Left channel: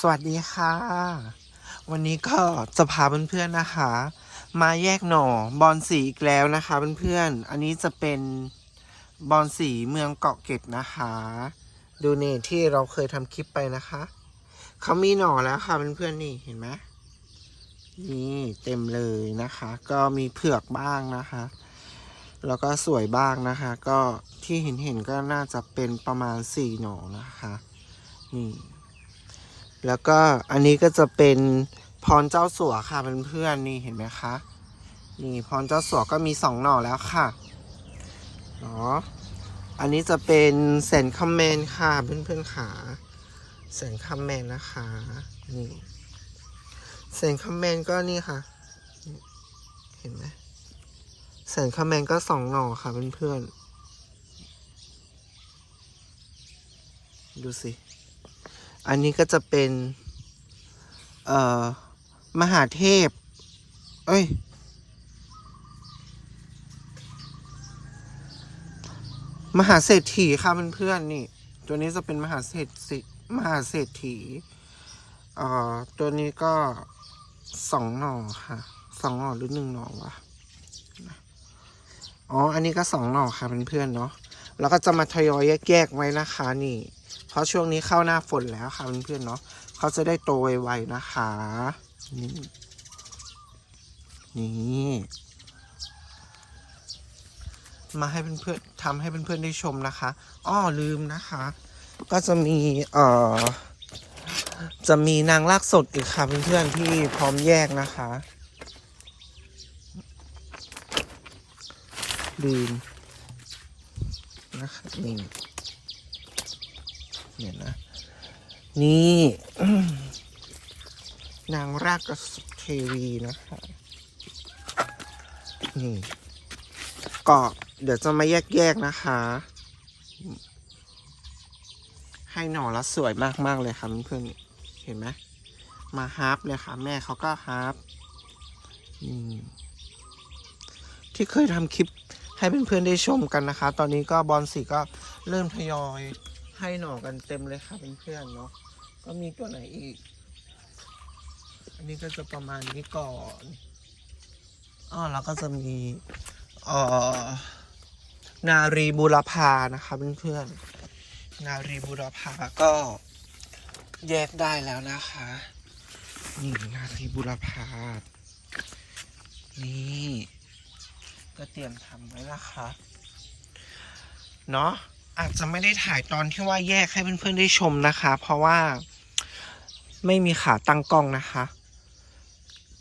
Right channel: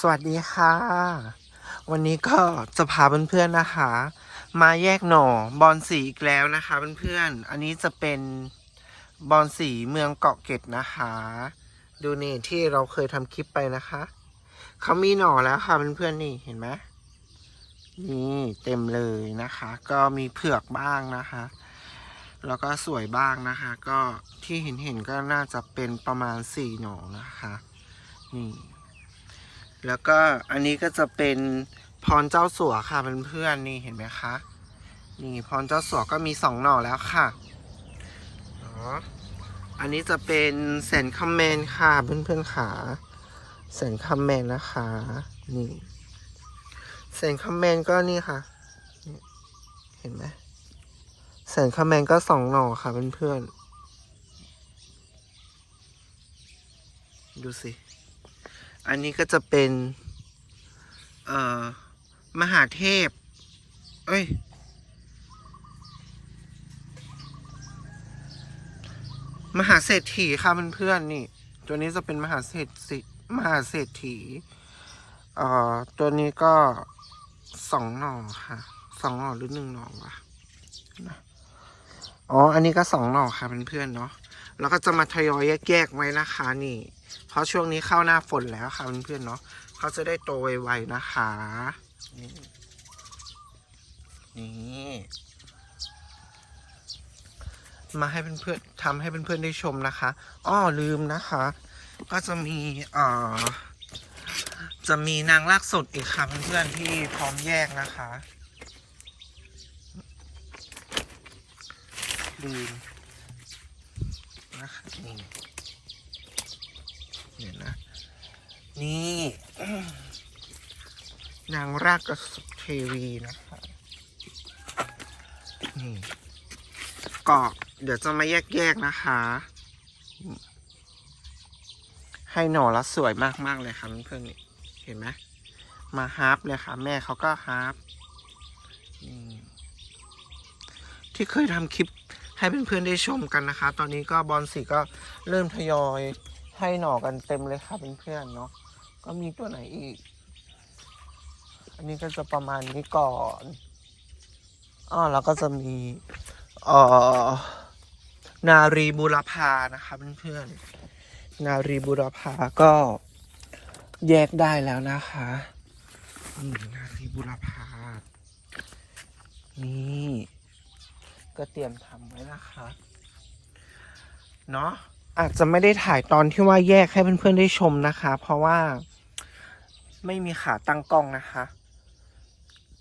สวัสดีค่ะ วันนี้ก็จะพาเพื่อนๆนะคะ มาแยกหน่อบอลสีอีกแล้วนะคะเพื่อนๆอันนี้จะเป็นบอลสีเมืองเกาะเกร็ดนะคะ ดูนี่ที่เราเคยทำคลิปไปนะคะเขามีหน่อแล้วค่ะเพื่อนๆนี่เห็นไหมนี่เต็มเลยนะคะ ก็มีเผือกบ้างนะคะ แล้วก็สวยบ้างนะคะ ก็ที่เห็นเห็นๆก็น่าจะเป็นประมาณสี่หน่อนะคะนี่ แล้วก็อันนี้ก็จะเป็นพรเจ้าสัวค่ะเพื่อนๆนี่เห็นไหมคะ นี่พรเจ้าสัวก็มีสองหน่อแล้วค่ะเนาะอันนี้จะเป็นแสนคำแมนค่ะเพื่อนๆขาแสนคำแมนนะคะ นี่แสนคำแมนก็นี่ค่ะ เห็นไหมแสนคำแมนก็สองหน่อค่ะเพื่อนๆดูสิ อันนี้ก็จะเป็น เอ่อ มหาเทพ เอ้ย มหาเศรษฐีค่ะเพื่อนๆนี่ ตัวนี้จะเป็นมหาเศรษฐีมหาเศรษฐี เอ่อ ตัวนี้ก็สองหน่อค่ะสองหน่อหรือหนึ่งหน่อวะอ๋อ อันนี้ก็สองหน่อค่ะเพื่อนๆเนาะ แล้วก็จะมาทยอยแยกๆไว้นะคะนี่ เพราะช่วงนี้เข้าหน้าฝนแล้วค่ะเพื่อนๆเนาะเขาจะได้โตไวๆนะคะนี่นี่มาให้เพื่อนๆทำให้เพื่อนๆได้ชมนะคะอ้อลืมนะคะ ก็จะมีเอ่อจะมีนางลากสดอีกค่ะเพื่อนๆที่พร้อมแยกนะคะลืมนะคะนี่ เนี่ยนะ นี่ นางรากกระสุเทวีนะคะนี่ก็เดี๋ยวจะมาแยกๆนะคะ ให้หน่อละสวยมากๆเลยค่ะเพื่อนๆเห็นไหมมาฮาร์ปเลยค่ะ แม่เขาก็ฮาร์ปที่เคยทำคลิปให้เพื่อนๆได้ชมกันนะคะ ตอนนี้ก็บอลสีก็เริ่มทยอย ให้หน่อกันเต็มเลยค่ะเพื่อนๆเนาะก็มีตัวไหนอีก อันนี้ก็จะประมาณนี้ก่อนอ๋อแล้วก็จะมีเอ่อนารีบุรพานะคะเพื่อนๆนารีบุรพาก็แยกได้แล้วนะคะนี่นารีบุรพานี่ก็เตรียมทำไว้นะคะ เนาะ อาจจะไม่ได้ถ่ายตอนที่ว่าแยกให้เพื่อนๆได้ชมนะคะ เพราะว่าไม่มีขาตั้งกล้องนะคะ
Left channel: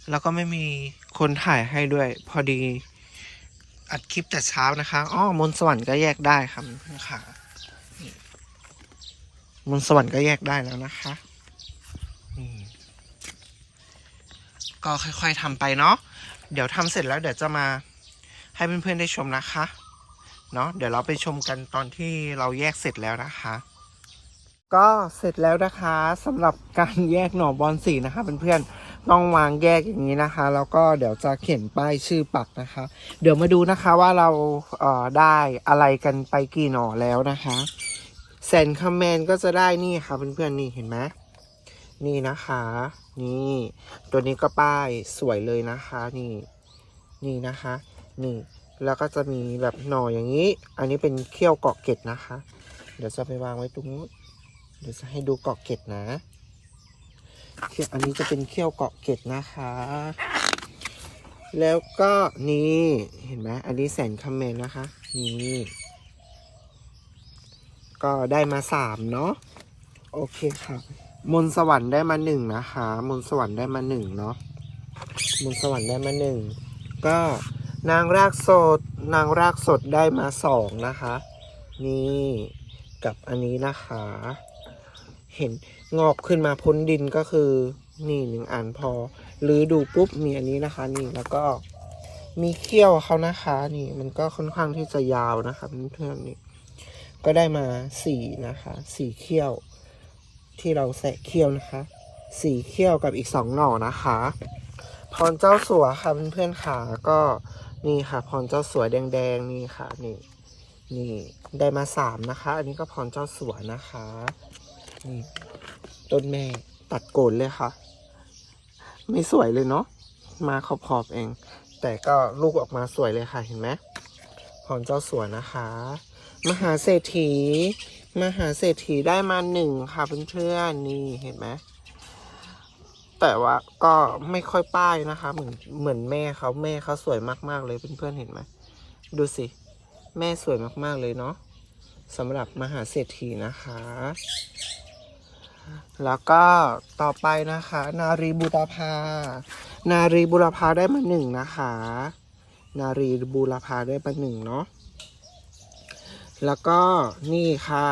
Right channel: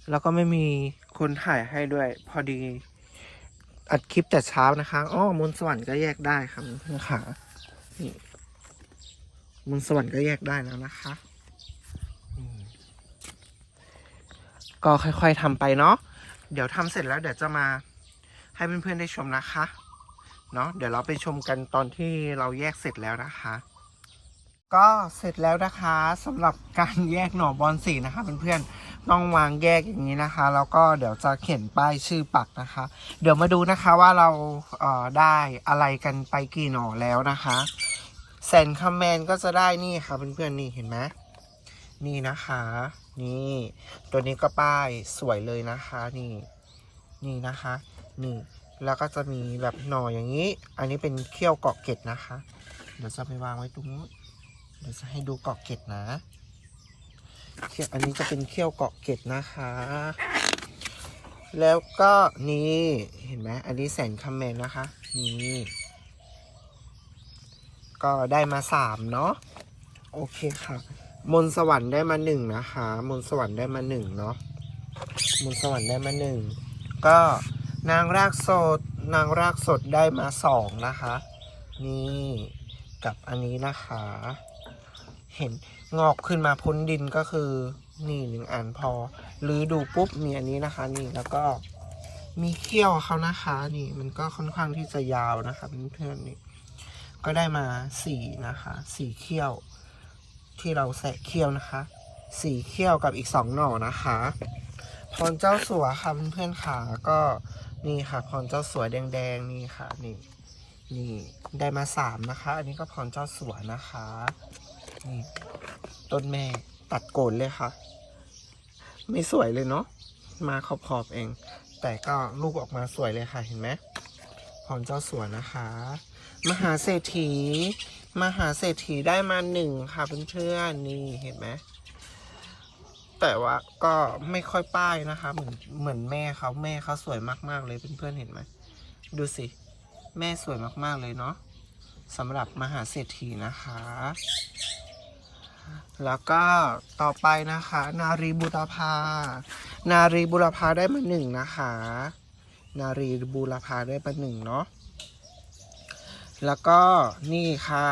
แล้วก็ไม่มีคนถ่ายให้ด้วย พอดีอัดคลิปแต่เช้านะคะอ้อมนต์สวรรค์ก็แยกได้ค่ะเพื่อนๆค่ะนี่มนต์สวรรค์ก็แยกได้แล้วนะคะก็ค่อยๆทำไปเนาะเดี๋ยวทำเสร็จแล้วเดี๋ยวจะมาให้เพื่อนๆได้ชมนะคะ เนาะเดี๋ยวเราไปชมกันตอนที่เราแยกเสร็จแล้วนะคะ ก็เสร็จแล้วนะคะสำหรับการแยกหน่อบอลสีนะคะเพื่อนๆต้องวางแยกอย่างนี้นะคะ แล้วก็เดี๋ยวจะเขียนป้ายชื่อปักนะคะ เดี๋ยวมาดูนะคะว่าเราเอ่อได้อะไรกันไปกี่หน่อแล้วนะคะแซนคอมเมนก็จะได้นี่ค่ะเพื่อนๆนี่เห็นไหมนี่นะคะ นี่ ตัวนี้ก็ป้ายสวยเลยนะคะ นี่ นี่นะคะ นี่ แล้วก็จะมีแบบหน่ออย่างนี้ อันนี้เป็นเขี้ยวเกาะเกร็ดนะคะ เดี๋ยวจะไปวางไว้ตรงนู้นเดี๋ยวจะให้ดูเกาะเกร็ดนะเขี้ยวอันนี้จะเป็นเขี้ยวเกาะเกร็ดนะคะ แล้วก็นี่เห็นไหมอันนี้แสนคำแมนนะคะ นี่ก็ได้มาสามเนาะโอเคค่ะ มนสวรรค์ได้มาหนึ่งนะคะ มนสวรรค์ได้มาหนึ่งเนาะมนสวรรค์ได้มาหนึ่งก็ นางรากสด นางรากสดได้มาสองนะคะ นี่กับอันนี้นะคะ เห็นงอกขึ้นมาพ้นดินก็คือนี่หนึ่งอันพอหรือดูปุ๊บมีอันนี้นะคะ นี่แล้วก็มีเขี้ยวเขานะคะ นี่มันก็ค่อนข้างที่จะยาวนะคะเพื่อนๆนี่ก็ได้มาสี่นะคะสี่เขี้ยว ที่เราแสะเขี้ยวนะคะสี่เขี้ยวกับอีกสองหน่อนะคะพรเจ้าสัวค่ะเพื่อนๆค่ะก็ นี่ค่ะพรเจ้าสัวแดงๆนี่ค่ะ นี่นี่ได้มาสามนะคะ อันนี้ก็พรเจ้าสัวนะคะนี่ต้นแม่ตัดโกนเลยค่ะ ไม่สวยเลยเนาะมาขอบๆเอง แต่ก็ลูกออกมาสวยเลยค่ะเห็นไหมพรเจ้าสัวนะคะ มหาเศรษฐี มหาเศรษฐีได้มาหนึ่งค่ะเพื่อนๆนี่เห็นไหม แต่ว่าก็ไม่ค่อยป้ายนะคะ เหมือนเหมือนแม่เขาแม่เขาสวยมากๆเลยเพื่อนๆเห็นไหมดูสิ แม่สวยมากๆเลยเนาะสำหรับมหาเศรษฐีนะคะ แล้วก็ต่อไปนะคะ นารีบุรพา นารีบุรพาได้มาหนึ่งนะคะ นารีบุรพาได้มาหนึ่งเนาะแล้วก็นี่ค่ะ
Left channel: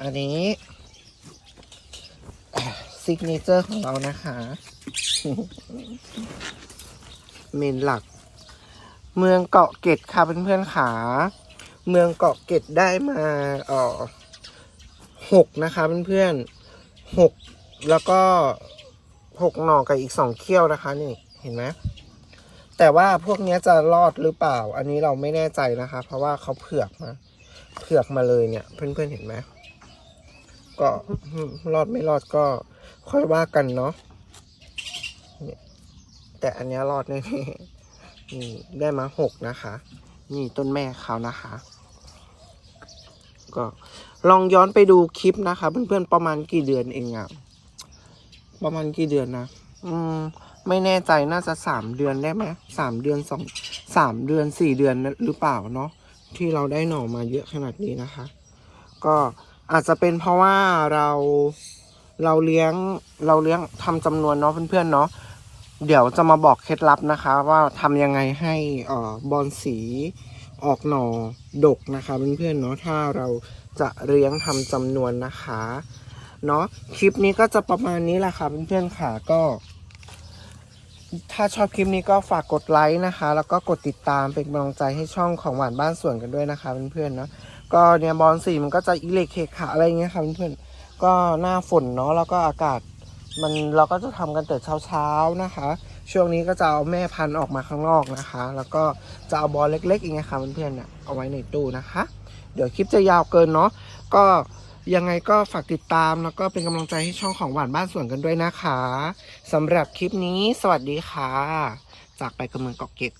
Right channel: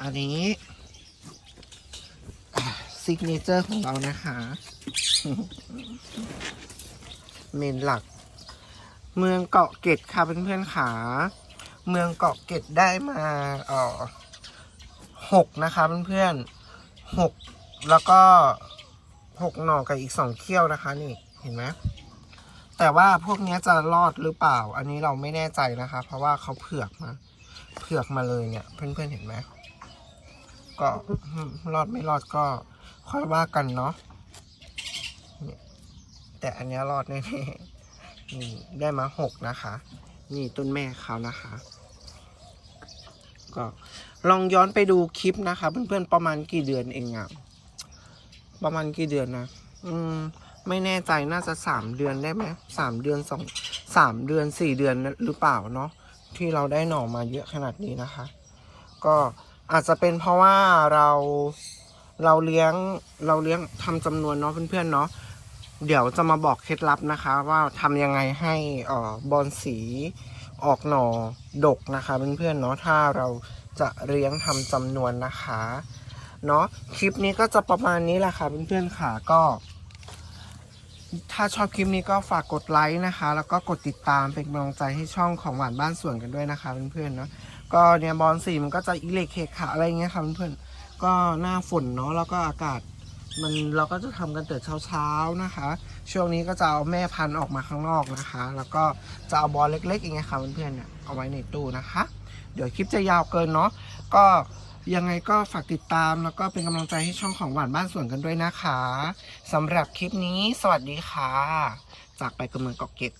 อันนี้ ซิกเนเจอร์ของเรานะคะ เมนหลัก เมืองเกาะเกร็ดค่ะเพื่อนๆขาเมืองเกาะเกร็ดได้มาเอ่อหกนะคะเพื่อนๆหกแล้วก็หกหน่อกับอีกสองเขี้ยวนะคะ นี่เห็นไหมแต่ว่าพวกนี้จะรอดหรือเปล่า อันนี้เราไม่แน่ใจนะคะ เพราะว่าเขาเผือกมา เผือกมาเลยเนี่ย เพื่อนๆเห็นไหม ก็รอดไม่รอดก็ค่อยว่ากันเนาะแต่อันนี้รอดแน่ๆนี่ได้มาหกนะคะ นี่ต้นแม่เขานะคะ ก็ลองย้อนไปดูคลิปนะคะ เพื่อนๆประมาณกี่เดือนเองอะประมาณกี่เดือนนะอืมไม่แน่ใจน่าจะสามเดือนได้ไหมสามเดือนสองสามเดือนสี่เดือนหรือเปล่าเนาะที่เราได้หน่อมาเยอะขนาดนี้นะคะ ก็ อาจจะเป็นเพราะว่าเราเราเลี้ยงเราเลี้ยงทำจำนวนเนาะเพื่อนๆเนาะเดี๋ยวจะมาบอกเคล็ดลับนะคะ ว่าทำยังไงให้อ่อบอลสีออกหน่อดกนะคะเพื่อนๆเนาะถ้าเราจะเลี้ยงทำจำนวนนะคะเนาะคลิปนี้ก็จะประมาณนี้แหละค่ะเพื่อนๆค่ะก็ ถ้าชอบคลิปนี้ก็ฝากกดไลค์นะคะ แล้วก็กดติดตามเป็นกำลังใจให้ช่องของหวานบ้านสวนกันด้วยนะคะเพื่อนๆเนาะ ก็เนี่ยบอลสีมันก็จะอิเล็กเคขาอะไรเงี้ยค่ะเพื่อนๆก็หน้าฝนเนาะแล้วก็อากาศมันเราก็จะทำกันแต่เช้าๆนะคะ ช่วงนี้ก็จะเอาแม่พันธุ์ออกมาข้างนอกนะคะ แล้วก็จะเอาบอลเล็กๆอย่างเงี้ยค่ะเพื่อนๆเนี่ยเอาไว้ในตู้นะคะ เดี๋ยวคลิปจะยาวเกินเนาะก็ยังไงก็ฝากติดตามแล้วก็เป็นกำลังใจให้ช่องของหวานบ้านสวนกันด้วยนะคะสำหรับคลิปนี้สวัสดีค่ะ จากไปกับเมืองเกาะเก็ด